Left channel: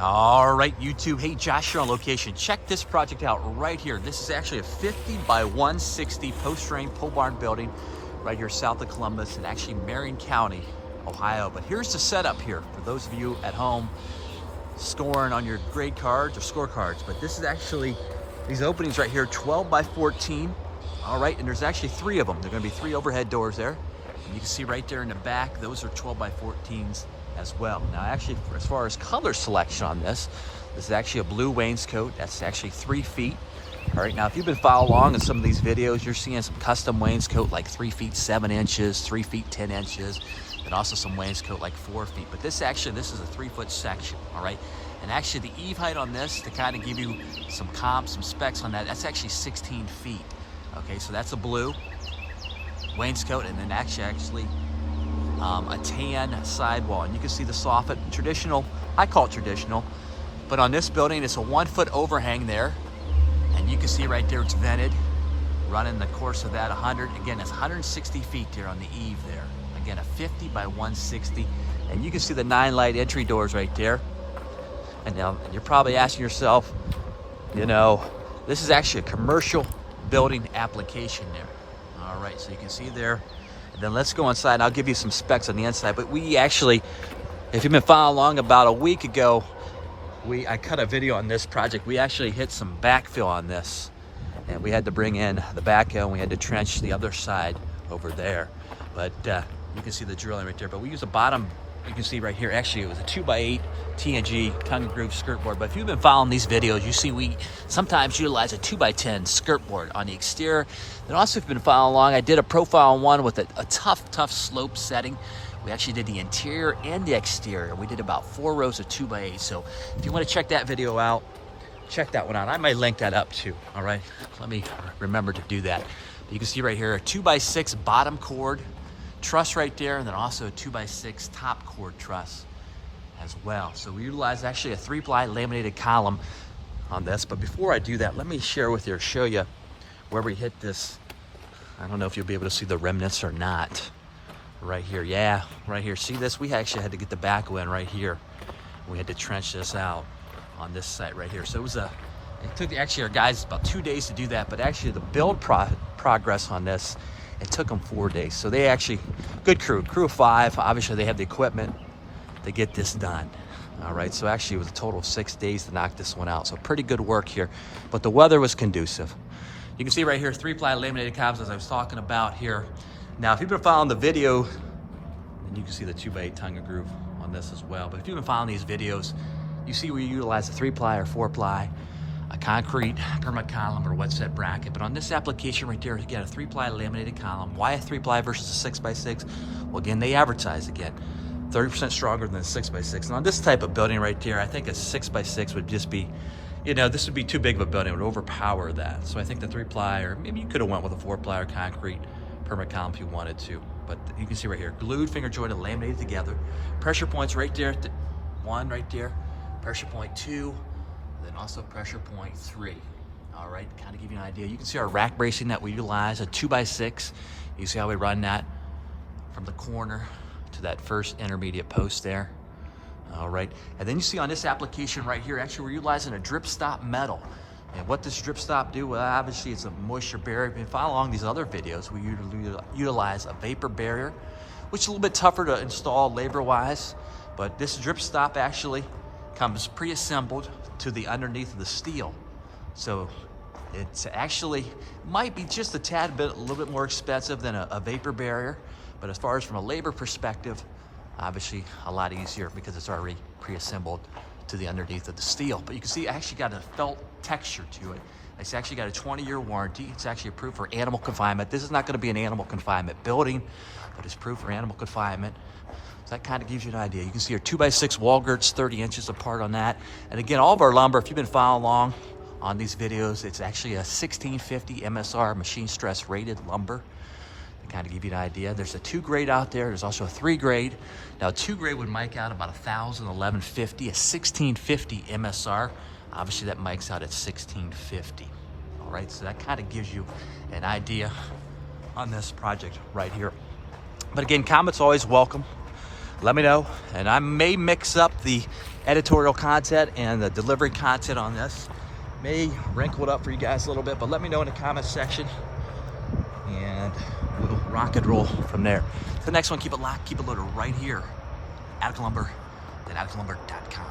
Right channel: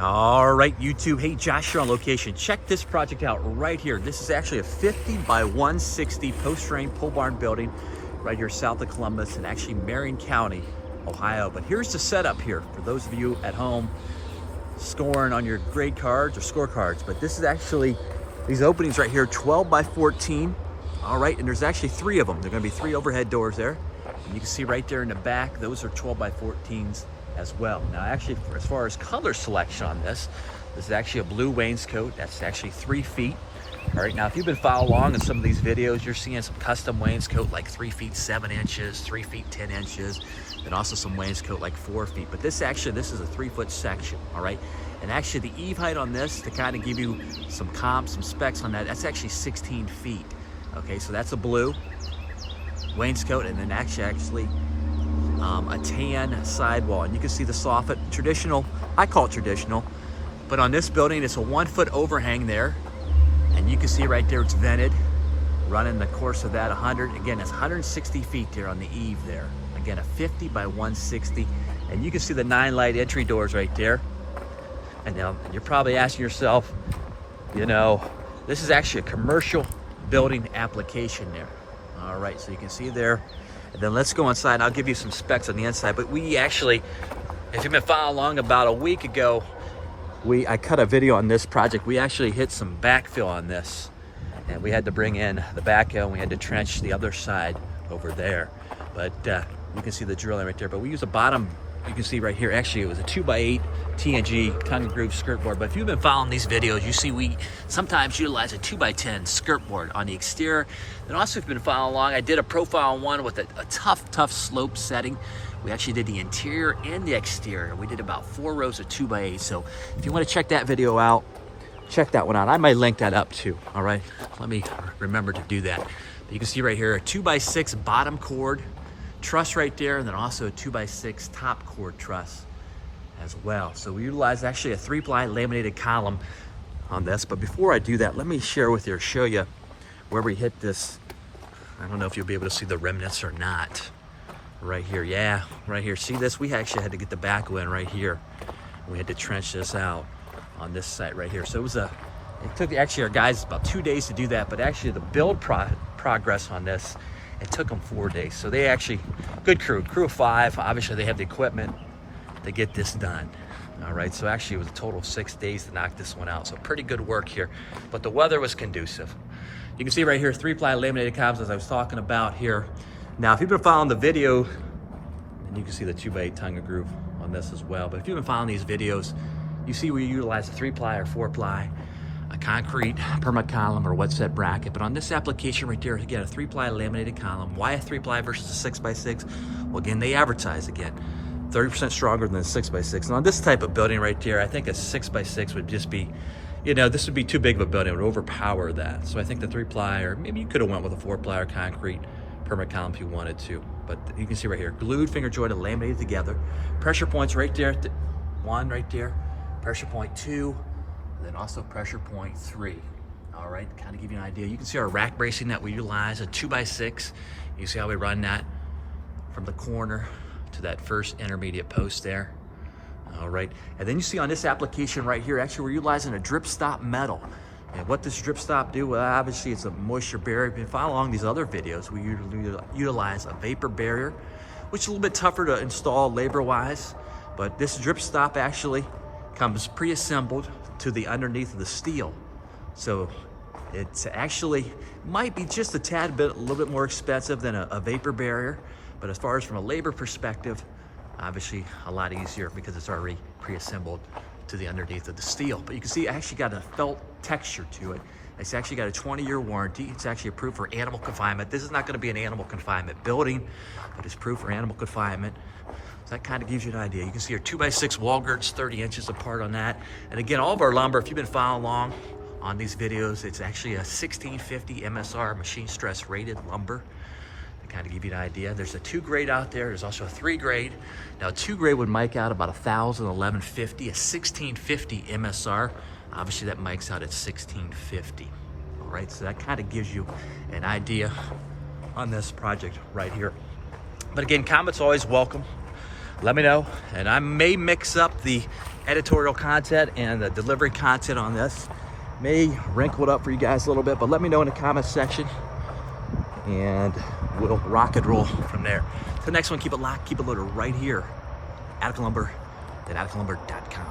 All right, YouTube. Hey, Josh here on location. Check this project out right here. This is actually a 50 by 160 Postframe Polebarn building right here south of Columbus in actually Marion County, Ohio. But here's the setup here for those of you at home scoring on your grade cards or scorecards. But this is actually these openings right here, 12 by 14. All right, and there's actually 3 of them. There are going to be 3 overhead doors there. And you can see right there in the back, those are 12 by 14s as well. Now, actually, as far as color selection on this is actually a blue wainscot. That's actually 3 feet. All right, now if you've been following along in some of these videos, you're seeing some custom wainscot like 3 feet 7 inches, 3 feet 10 inches, and also some wainscot like 4 feet. But this is a 3-foot section. All right, and actually the eave height on this, to kind of give you some comps, some specs on that, that's actually 16 feet. Okay, so that's a blue wainscot, and then actually a tan sidewall. And you can see the soffit, traditional, I call it traditional, but on this building, it's a 1-foot overhang there. And you can see right there, it's vented, running the course of that 100. Again, it's 160 feet there on the eave there. Again, a 50 by 160. And you can see the 9 light entry doors right there. And now you're probably asking yourself, you know, this is actually a commercial building application there. All right, so you can see there. And then let's go inside and I'll give you some specs on the inside. But we actually, if you've been following along, about a week ago, I cut a video on this project. We actually hit some backfill on this. And we had to bring in the backhoe and we had to trench the other side over there. But you can see the drilling right there. But we use a bottom, you can see right here, actually it was a 2x8 T&G tongue-and-groove skirtboard. But if you've been following these videos, you see we sometimes utilize a 2x10 skirtboard on the exterior. And also if you've been following along, I did a profile on one with a tough slope setting. We actually did the interior and the exterior. We did about 4 rows of 2x8. So if you want to check that video out, check that one out. I might link that up too, all right? Let me remember to do that. You can see right here, a 2x6 bottom chord truss right there, and then also a 2x6 top chord truss as well. So we utilize actually a 3-ply laminated column on this. But before I do that, let me share with you, show you where we hit this. I don't know if you'll be able to see the remnants or not. Right here, yeah, right here. See this? We actually had to get the backhoe in right here. We had to trench this out on this site right here. So it took actually our guys about 2 days to do that, but actually the build progress on this, it took them 4 days. So they actually, good crew of 5. Obviously they have the equipment to get this done. All right, so actually it was a total of 6 days to knock this one out. So pretty good work here, but the weather was conducive. You can see right here, 3-ply laminated columns as I was talking about here. Now, if you've been following the video, you can see the 2x8 tongue-and-groove on this as well. But if you've been following these videos, you see we utilize a 3-ply or 4-ply, a concrete perma-column or wet set bracket. But on this application right there, again, a 3-ply laminated column. Why a 3-ply versus a 6x6? Well, again, they advertise again, 30% stronger than a 6x6. And on this type of building right there, I think a 6x6 would just be, you know, this would be too big of a building. It would overpower that. So I think the 3-ply, or maybe you could have went with a 4-ply or concrete perma-column if you wanted to. But you can see right here, glued, finger jointed, laminated together. Pressure points right there, 1 right there, pressure point 2, and then also pressure point 3. All right, kind of give you an idea. You can see our rack bracing that we utilize, a 2x6. You see how we run that from the corner to that first intermediate post there. All right, and then you see on this application right here, actually we're utilizing a drip stop metal. And what does drip stop do? Well, obviously it's a moisture barrier. If you follow along these other videos, we utilize a vapor barrier, which is a little bit tougher to install labor-wise. But this drip stop actually comes pre-assembled to the underneath of the steel. So it's actually, might be just a tad bit, a little bit more expensive than a vapor barrier. But as far as from a labor perspective, obviously a lot easier because it's already pre-assembled to the underneath of the steel. But you can see it actually got a felt texture to it. It's actually got a 20-year warranty. It's actually approved for animal confinement. This is not going to be an animal confinement building, but it's approved for animal confinement. So that kind of gives you an idea. You can see your 2x6 wall girts 30 inches apart on that. And again, all of our lumber, if you've been following along on these videos, it's actually a 1650 MSR machine stress rated lumber. Kind of give you an idea. There's a 2 grade out there. There's also a 3 grade. Now, 2 grade would mic out about 1,000, 1150. A 1650 MSR, obviously that mics out at 1650. All right, so that kind of gives you an idea on this project right here. But again, comments always welcome. let me know. And I may mix up the editorial content and the delivery content on this. May wrinkle it up for you guys a little bit, but let me know in the comments section and we'll rock and roll from there. The next one, keep it locked, keep it loaded right here. Attica Lumber at atticalumber.com.